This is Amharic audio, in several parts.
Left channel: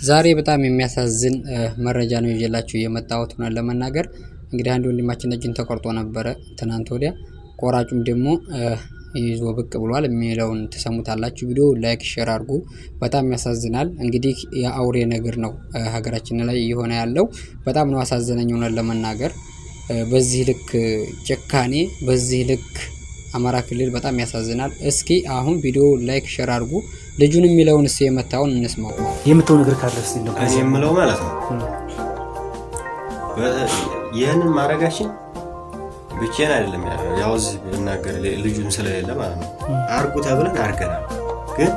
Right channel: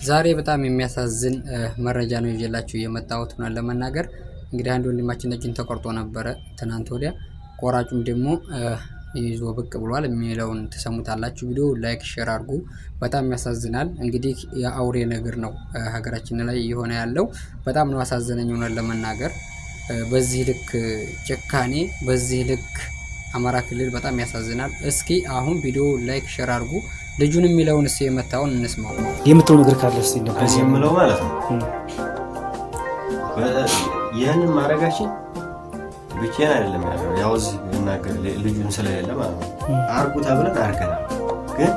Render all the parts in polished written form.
ዛሬ በጣም የሚያሳዝን መረጃ ነው ይዤላችሁ የመጣሁት። ሆነን ለመናገር እንግዲህ አንድ ወንድማችን እጅን ተቆርጦ ነበረ ትናንት ወዲያ። ቆራጩም ደግሞ ይዞ ብቅ ብሏል የሚለውን ትሰሙታላችሁ። ቪዲዮ ላይክ ሼር አድርጉ። በጣም ያሳዝናል። እንግዲህ የአውሬ ነገር ነው ሀገራችን ላይ እየሆነ ያለው። በጣም ነው አሳዘነኝ ሆነን ለመናገር በዚህ ልክ ጭካኔ፣ በዚህ ልክ አማራ ክልል በጣም ያሳዝናል። እስኪ አሁን ቪዲዮ ላይክ ሼር አድርጉ። ልጁን የሚለውን እስኪ የመታውን እንስማው። የምትው ነገር ካለ እስቲ ነው ከዚህ የምለው ማለት ነው። ይህንን ማድረጋችን ብቻዬን አይደለም ያው እዚህ ብናገር ልጁን ስለሌለ ማለት ነው። አርጉ ተብለን አርገናል፣ ግን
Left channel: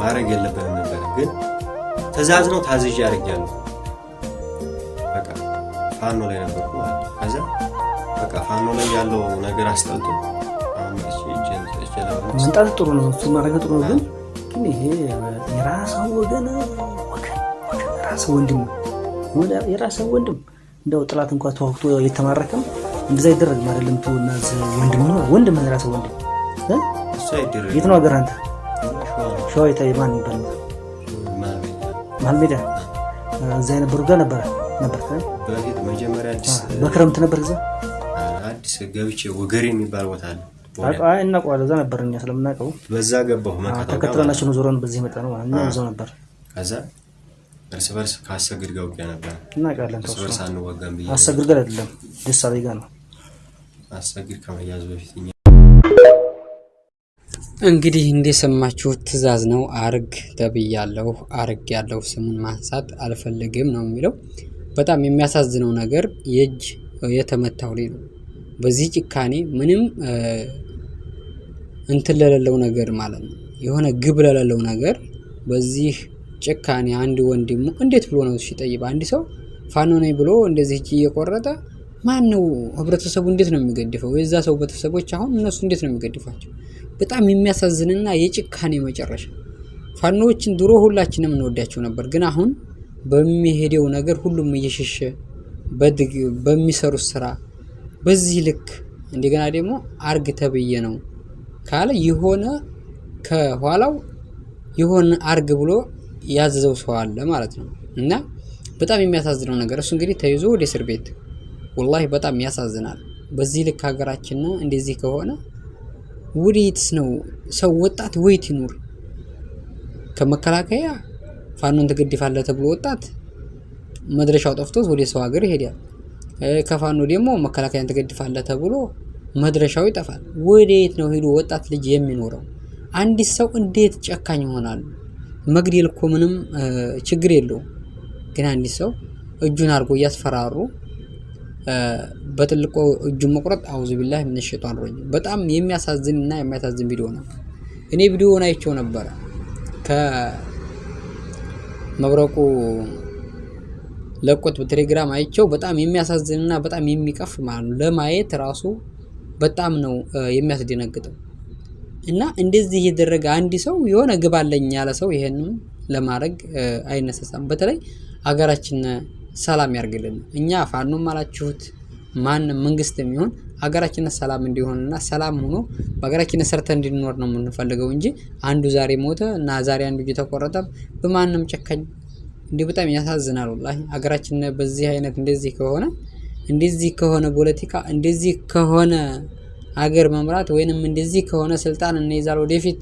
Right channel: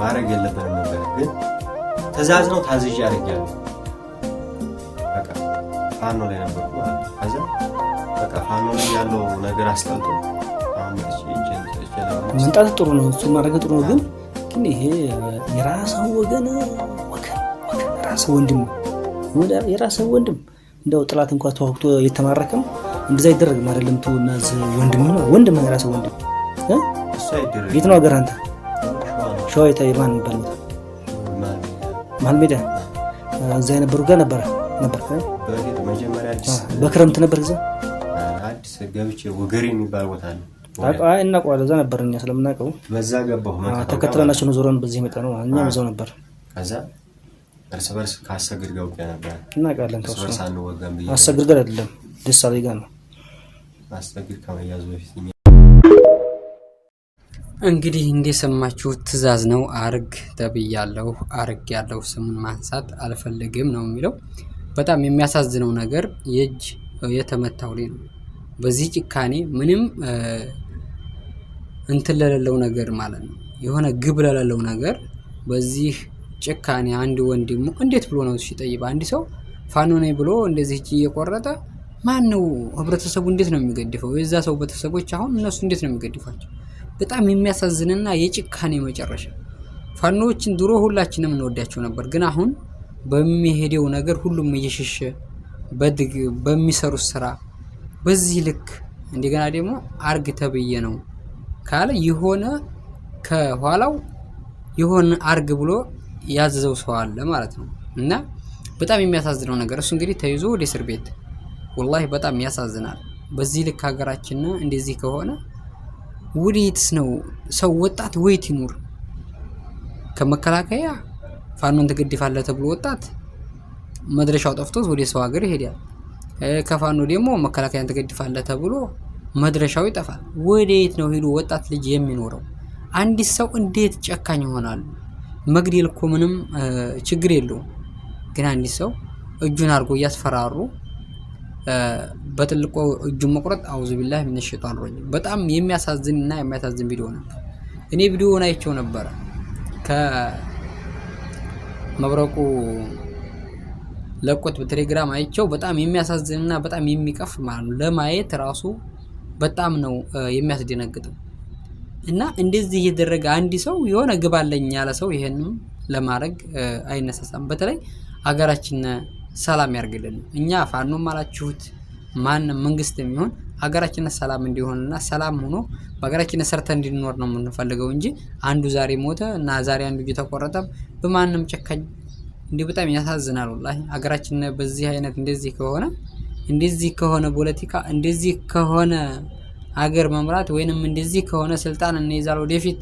ማድረግ የለብንም ነበር። ግን ትእዛዝ ነው ታዝዤ አድርጌያለሁ። በቃ ፋኖ ላይ ነበርኩ ማለት ነው። ከዛ በቃ ፋኖ ላይ ያለው ነገር አስጠልቶ መንጣት ጥሩ ነው፣ እሱ ማድረግ ጥሩ ነው። ግን ይሄ የራስህ ወገን የራስህ ወንድም የራስህ ወንድም እንደው ጥላት እንኳን ተዋግቶ የተማረከም እንደዛ ይደረግ አይደለም። ተውናዝ ወንድም የራስህ ወንድም የት ነው ሀገር? አንተ ሸዋ የማን ይባላል? መሀል ሜዳ እዛ የነበሩ ጋር ነበር በክረምት ነበር እዛ አዲስ ገብቼ ወገሬ የሚባል ቦታ አለ። እናውቀዋለን። እዛ ነበር እኛ ስለምናውቀው በዛ ገባሁ። ተከትለናቸው ነው ዞረን በዚህ መጣ ነው እኛ እዛው ነበር። ከዛ እርስ በርስ ካሰግድ ጋር ውጊያ ነበር። እናውቃለን። እርስ በርስ አንወጋም ብዬ አሰግድ ጋር አይደለም ደሳሌ ጋር ነው። አሰግድ ከመያዙ በፊት እንግዲህ እንደሰማችሁት ትእዛዝ ነው። አርግ ተብያለሁ፣ አርግ ያለው ስሙን ማንሳት አልፈልግም ነው የሚለው። በጣም የሚያሳዝነው ነገር የእጅ የተመታው ላይ ነው። በዚህ ጭካኔ ምንም እንትን ለሌለው ነገር ማለት ነው፣ የሆነ ግብ ለሌለው ነገር በዚህ ጭካኔ አንድ ወንድሙ እንዴት ብሎ ነው ሲጠይቅ አንድ ሰው ፋኖ ነኝ ብሎ እንደዚህ እጅ እየቆረጠ ማን ነው ህብረተሰቡ እንዴት ነው የሚገድፈው? የዛ ሰው ቤተሰቦች አሁን እነሱ እንዴት ነው የሚገድፋቸው? በጣም የሚያሳዝንና የጭካኔ መጨረሻ። ፋኖዎችን ድሮ ሁላችንም እንወዳቸው ነበር፣ ግን አሁን በሚሄደው ነገር ሁሉም እየሸሸ በሚሰሩት ስራ በዚህ ልክ እንደገና ደግሞ አርግ ተብዬ ነው ካለ የሆነ ከኋላው የሆነ አርግ ብሎ ያዘዘው ሰው አለ ማለት ነው። እና በጣም የሚያሳዝነው ነገር እሱ እንግዲህ ተይዞ ወደ እስር ቤት ወላሂ በጣም ያሳዝናል። በዚህ ልክ ሀገራችን እንደዚህ ከሆነ ወዴትስ ነው ሰው ወጣት ወይት ይኑር? ከመከላከያ ፋኖን ትገድፋለህ ተብሎ ወጣት መድረሻው ጠፍቶት ወደ ሰው ሀገር ይሄዳል። ከፋኖ ደግሞ መከላከያን ትገድፋለህ ተብሎ መድረሻው ይጠፋል። ወዴት ነው ሄዶ ወጣት ልጅ የሚኖረው? አንድ ሰው እንዴት ጨካኝ ይሆናል? መግደል እኮ ምንም ችግር የለውም፣ ግን አንድ ሰው እጁን አድርጎ እያስፈራሩ በጥልቆ እጁን መቁረጥ አውዙ ቢላህ ምን ሸይጣን ረጅም። በጣም የሚያሳዝንና የሚያሳዝን ቪዲዮ ነበር። እኔ ቪዲዮውን አይቼው ነበረ ከመብረቁ ለቆት በቴሌግራም አይቼው በጣም የሚያሳዝንና በጣም የሚቀፍ ማለት ነው። ለማየት ራሱ በጣም ነው የሚያስደነግጠው። እና እንደዚህ እየደረገ አንድ ሰው የሆነ ግብ አለኝ ያለ ሰው ይሄንም ለማድረግ አይነሳሳም። በተለይ አገራችን ሰላም ያርግልን። እኛ ፋኖም አላችሁት ማንም መንግስት የሚሆን አገራችን ሰላም እንዲሆንና ሰላም ሆኖ በአገራችን ሰርተን እንድንኖር ነው የምንፈልገው እንጂ አንዱ ዛሬ ሞተ እና ዛሬ አንዱ ተቆረጠ በማንም ጨካኝ እንዲህ በጣም ያሳዝናል። ወላሂ አገራችን በዚህ አይነት እንደዚህ ከሆነ ፖለቲካ እንደዚህ ከሆነ አገር መምራት ወይንም እንደዚህ ከሆነ ስልጣን እንይዛለን ወደፊት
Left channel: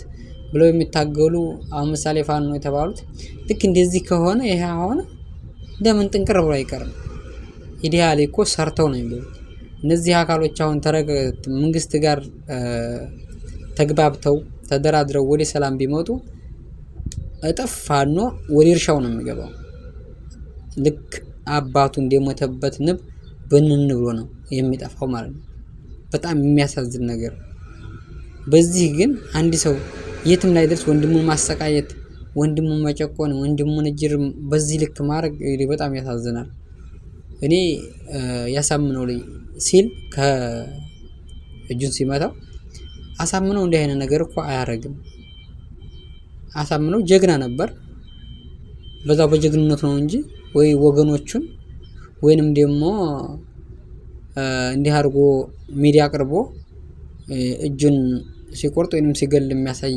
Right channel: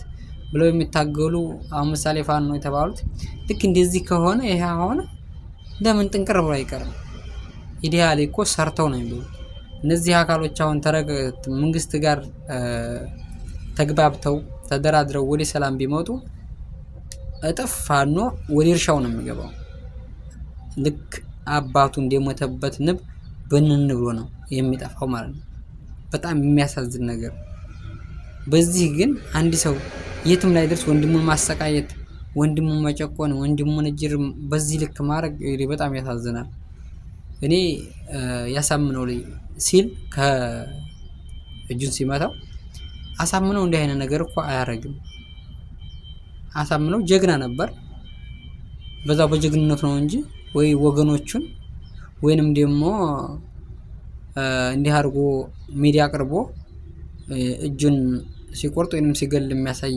ብለው የሚታገሉ አሁን ምሳሌ ፋኖ የተባሉት ልክ እንደዚህ ከሆነ ይሄ አሁን ለምን ጥንቅር ብሎ አይቀርም? ኢዲያሊ እኮ ሰርተው ነው የሚሉት እነዚህ አካሎች አሁን መንግስት ጋር ተግባብተው ተደራድረው ወደ ሰላም ቢመጡ እጥፍ ፋኖ ወደ እርሻው ነው የሚገባው። ልክ አባቱ እንደሞተበት ንብ ብንን ብሎ ነው የሚጠፋው ማለት ነው። በጣም የሚያሳዝን ነገር። በዚህ ግን አንድ ሰው የትም ላይ ደርስ ወንድሙን ማሰቃየት፣ ወንድሙን መጨቆን፣ ወንድሙን እጅር በዚህ ልክ ማድረግ በጣም ያሳዝናል። እኔ ያሳምነው ላይ ሲል ከእጁን ሲመታው አሳምነው እንዲህ አይነት ነገር እኮ አያረግም። አሳምነው ጀግና ነበር። በዛው በጀግንነት ነው እንጂ ወይ ወገኖቹን ወይንም ደግሞ እንዲህ አድርጎ ሚዲያ አቅርቦ እጁን ሲቆርጥ ወይንም ሲገል የሚያሳይ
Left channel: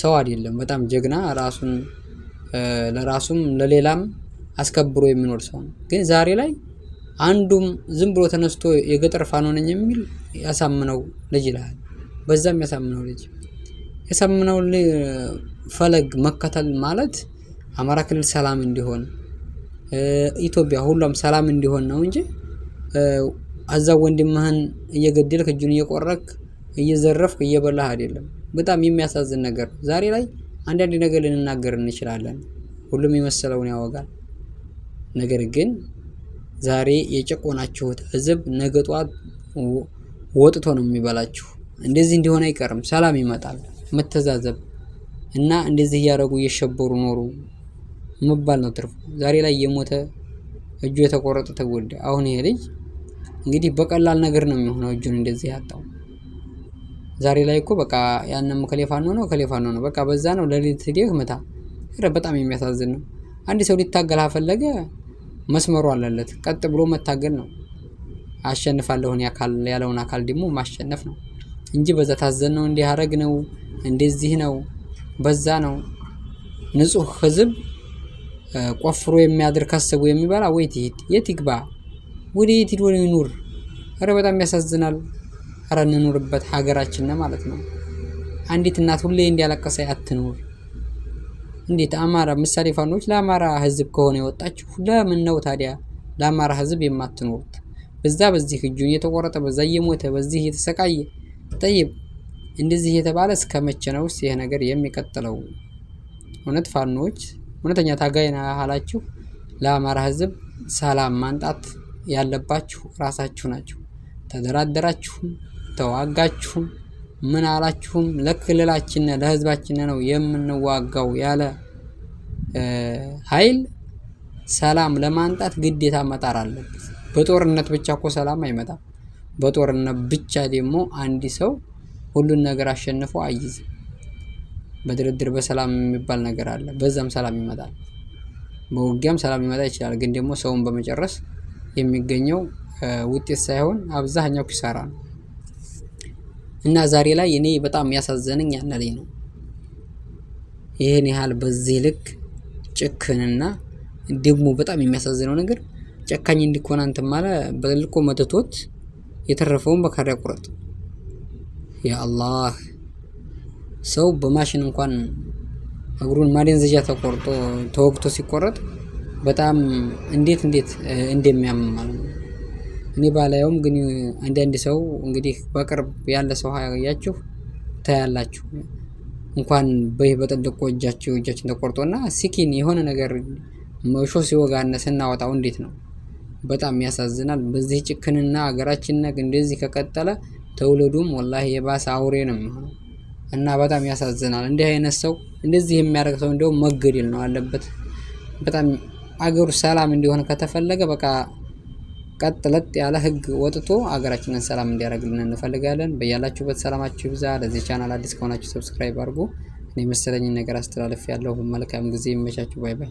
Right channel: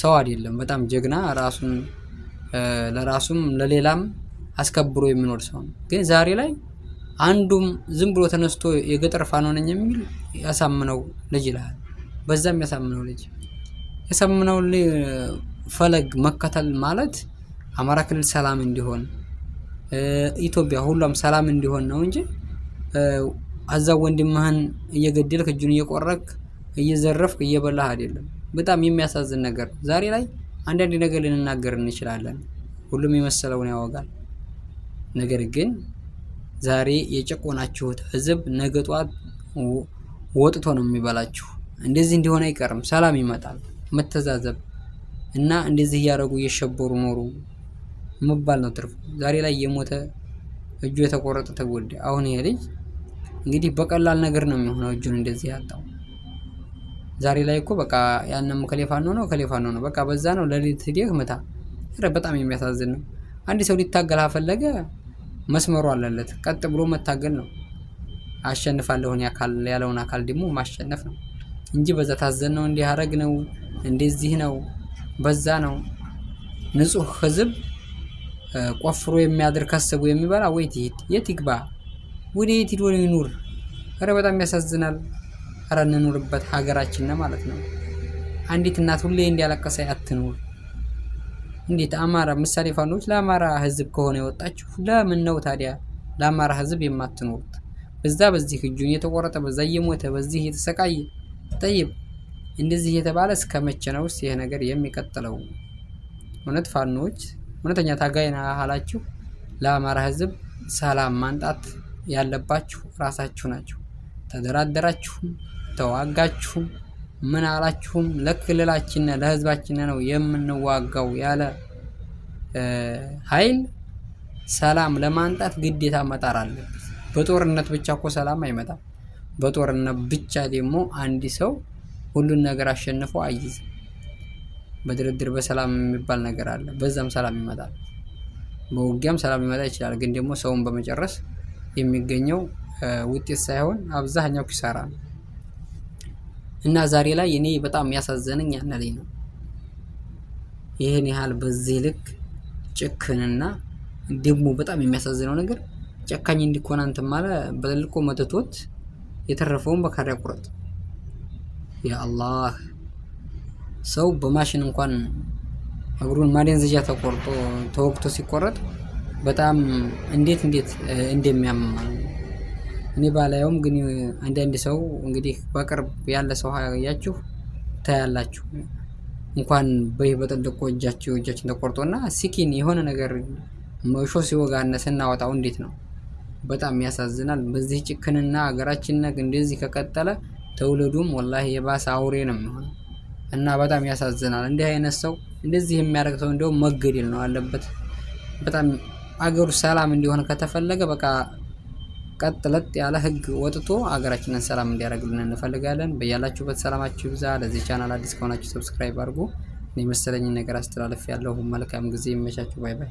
ሰው አይደለም። በጣም ጀግና ራሱን ለራሱም ለሌላም አስከብሮ የሚኖር ሰው ነው። ግን ዛሬ ላይ አንዱም ዝም ብሎ ተነስቶ የገጠር ፋኖ ነኝ የሚል ያሳምነው ልጅ ይላል። በዛም ያሳምነው ልጅ ያሳምነው ፈለግ መከተል ማለት አማራ ክልል ሰላም እንዲሆን ኢትዮጵያ ሁሉም ሰላም እንዲሆን ነው እንጂ አዛው ወንድምህን እየገደልክ እጁን እየቆረክ እየዘረፍክ እየበላህ አይደለም። በጣም የሚያሳዝን ነገር ዛሬ ላይ አንዳንድ ነገር ልንናገር እንችላለን። ሁሉም የመሰለውን ያወጋል። ነገር ግን ዛሬ የጨቆናችሁት ህዝብ ነገ ጧት ወጥቶ ነው የሚበላችሁ። እንደዚህ እንዲሆን አይቀርም። ሰላም ይመጣል። መተዛዘብ እና እንደዚህ እያደረጉ እየሸበሩ ኖሩ መባል ነው ትርፉ። ዛሬ ላይ የሞተ እጁ የተቆረጠ ተጎዳ። አሁን ይሄ ልጅ እንግዲህ በቀላል ነገር ነው የሚሆነው እጁን እንደዚህ ያጣው። ዛሬ ላይ እኮ በቃ ያንም ከሌፋኖ ነው በቃ በዛ ነው ለሊት ሄደህ መታ። በጣም የሚያሳዝን ነው። አንድ ሰው ሊታገል አፈለገ መስመሩ አለለት። ቀጥ ብሎ መታገል ነው። አሸንፋለሁ ያለውን አካል ደግሞ ማሸነፍ ነው እንጂ በዛ ታዘን ነው እንዲህ አረግ ነው እንደዚህ ነው በዛ ነው። ንጹህ ህዝብ ቆፍሮ የሚያድር ከስቦ የሚበላ ወይት የት ይግባ? ወደ የት ሄዶ ይኑር? በጣም ያሳዝናል። እንኑርበት ሀገራችን ማለት ነው። አንዲት እናት ሁሌ እንዲያለቀሰ አትኑር። እንዴት አማራ ምሳሌ ፋኖች ለአማራ ህዝብ ከሆነ የወጣችሁ ለምን ነው ታዲያ ለአማራ ህዝብ የማትኖሩት? በዚህ እጁን እየተቆረጠ በዛ እየሞተ በዚህ እየተሰቃየ ጠይብ እንደዚህ የተባለ እስከ መቼ ነው ይሄ ነገር የሚቀጥለው? እውነት ፋኖች እውነተኛ ታጋይ ናችሁ። ለአማራ ህዝብ ሰላም ማንጣት ያለባችሁ ራሳችሁ ናችሁ። ተደራደራችሁም ተዋጋችሁም ምን አላችሁም ለክልላችን ለህዝባችን ነው የምንዋጋው ያለ ኃይል ሰላም ለማንጣት ግዴታ መጣር አለበት። በጦርነት ብቻ እኮ ሰላም አይመጣም። በጦርነት ብቻ ደግሞ አንድ ሰው ሁሉን ነገር አሸንፎ አይይዝም። በድርድር በሰላም የሚባል ነገር አለ። በዛም ሰላም ይመጣል። በውጊያም ሰላም ሊመጣ ይችላል። ግን ደግሞ ሰውን በመጨረስ የሚገኘው ውጤት ሳይሆን አብዛኛው ኪሳራ ነው። እና ዛሬ ላይ እኔ በጣም ያሳዘነኝ ያነለኝ ነው። ይሄን ያህል በዚህ ልክ ጭክንና ደግሞ በጣም የሚያሳዝነው ነገር ጨካኝ እንዲኮን አንተ ማለት በልቆ መተቶት የተረፈውን በካራ ቁረጥ። ያ አላህ ሰው በማሽን እንኳን እግሩን ማደንዘዣ ተቆርጦ ተወግቶ ሲቆረጥ በጣም እንዴት እንደሚያመማል እኔ ባላየውም ግን አንዳንድ ሰው እንግዲህ በቅርብ ያለ ሰው ያያችሁ ታያላችሁ። እንኳን በጥልቆ እጃችን ተቆርጦና ሲኪን የሆነ ነገር መሾ ሲወጋና ስናወጣው እንዴት ነው? በጣም ያሳዝናል። በዚህ ጭክንና ሀገራችን እንደዚህ ከቀጠለ ተውልዱም ወላሂ የባሰ አውሬ ነው የሚሆነው እና በጣም ያሳዝናል። እንዲህ አይነት ሰው እንደዚህ የሚያደርግ ሰው እንደው መገደል ነው አለበት። በጣም አገሩ ሰላም እንዲሆን ከተፈለገ በቃ ቀጥለጥ ያለ ህግ ወጥቶ አገራችንን ሰላም እንዲያደርግልን እንፈልጋለን። በያላችሁበት ሰላማችሁ ይብዛ። ለዚህ ቻናል አዲስ ከሆናችሁ ሰብስክራይብ አድርጉ። እኔ መሰለኝን ነገር አስተላልፍ ያለሁ። መልካም ጊዜ ይመቻችሁ። ባይ ባይ።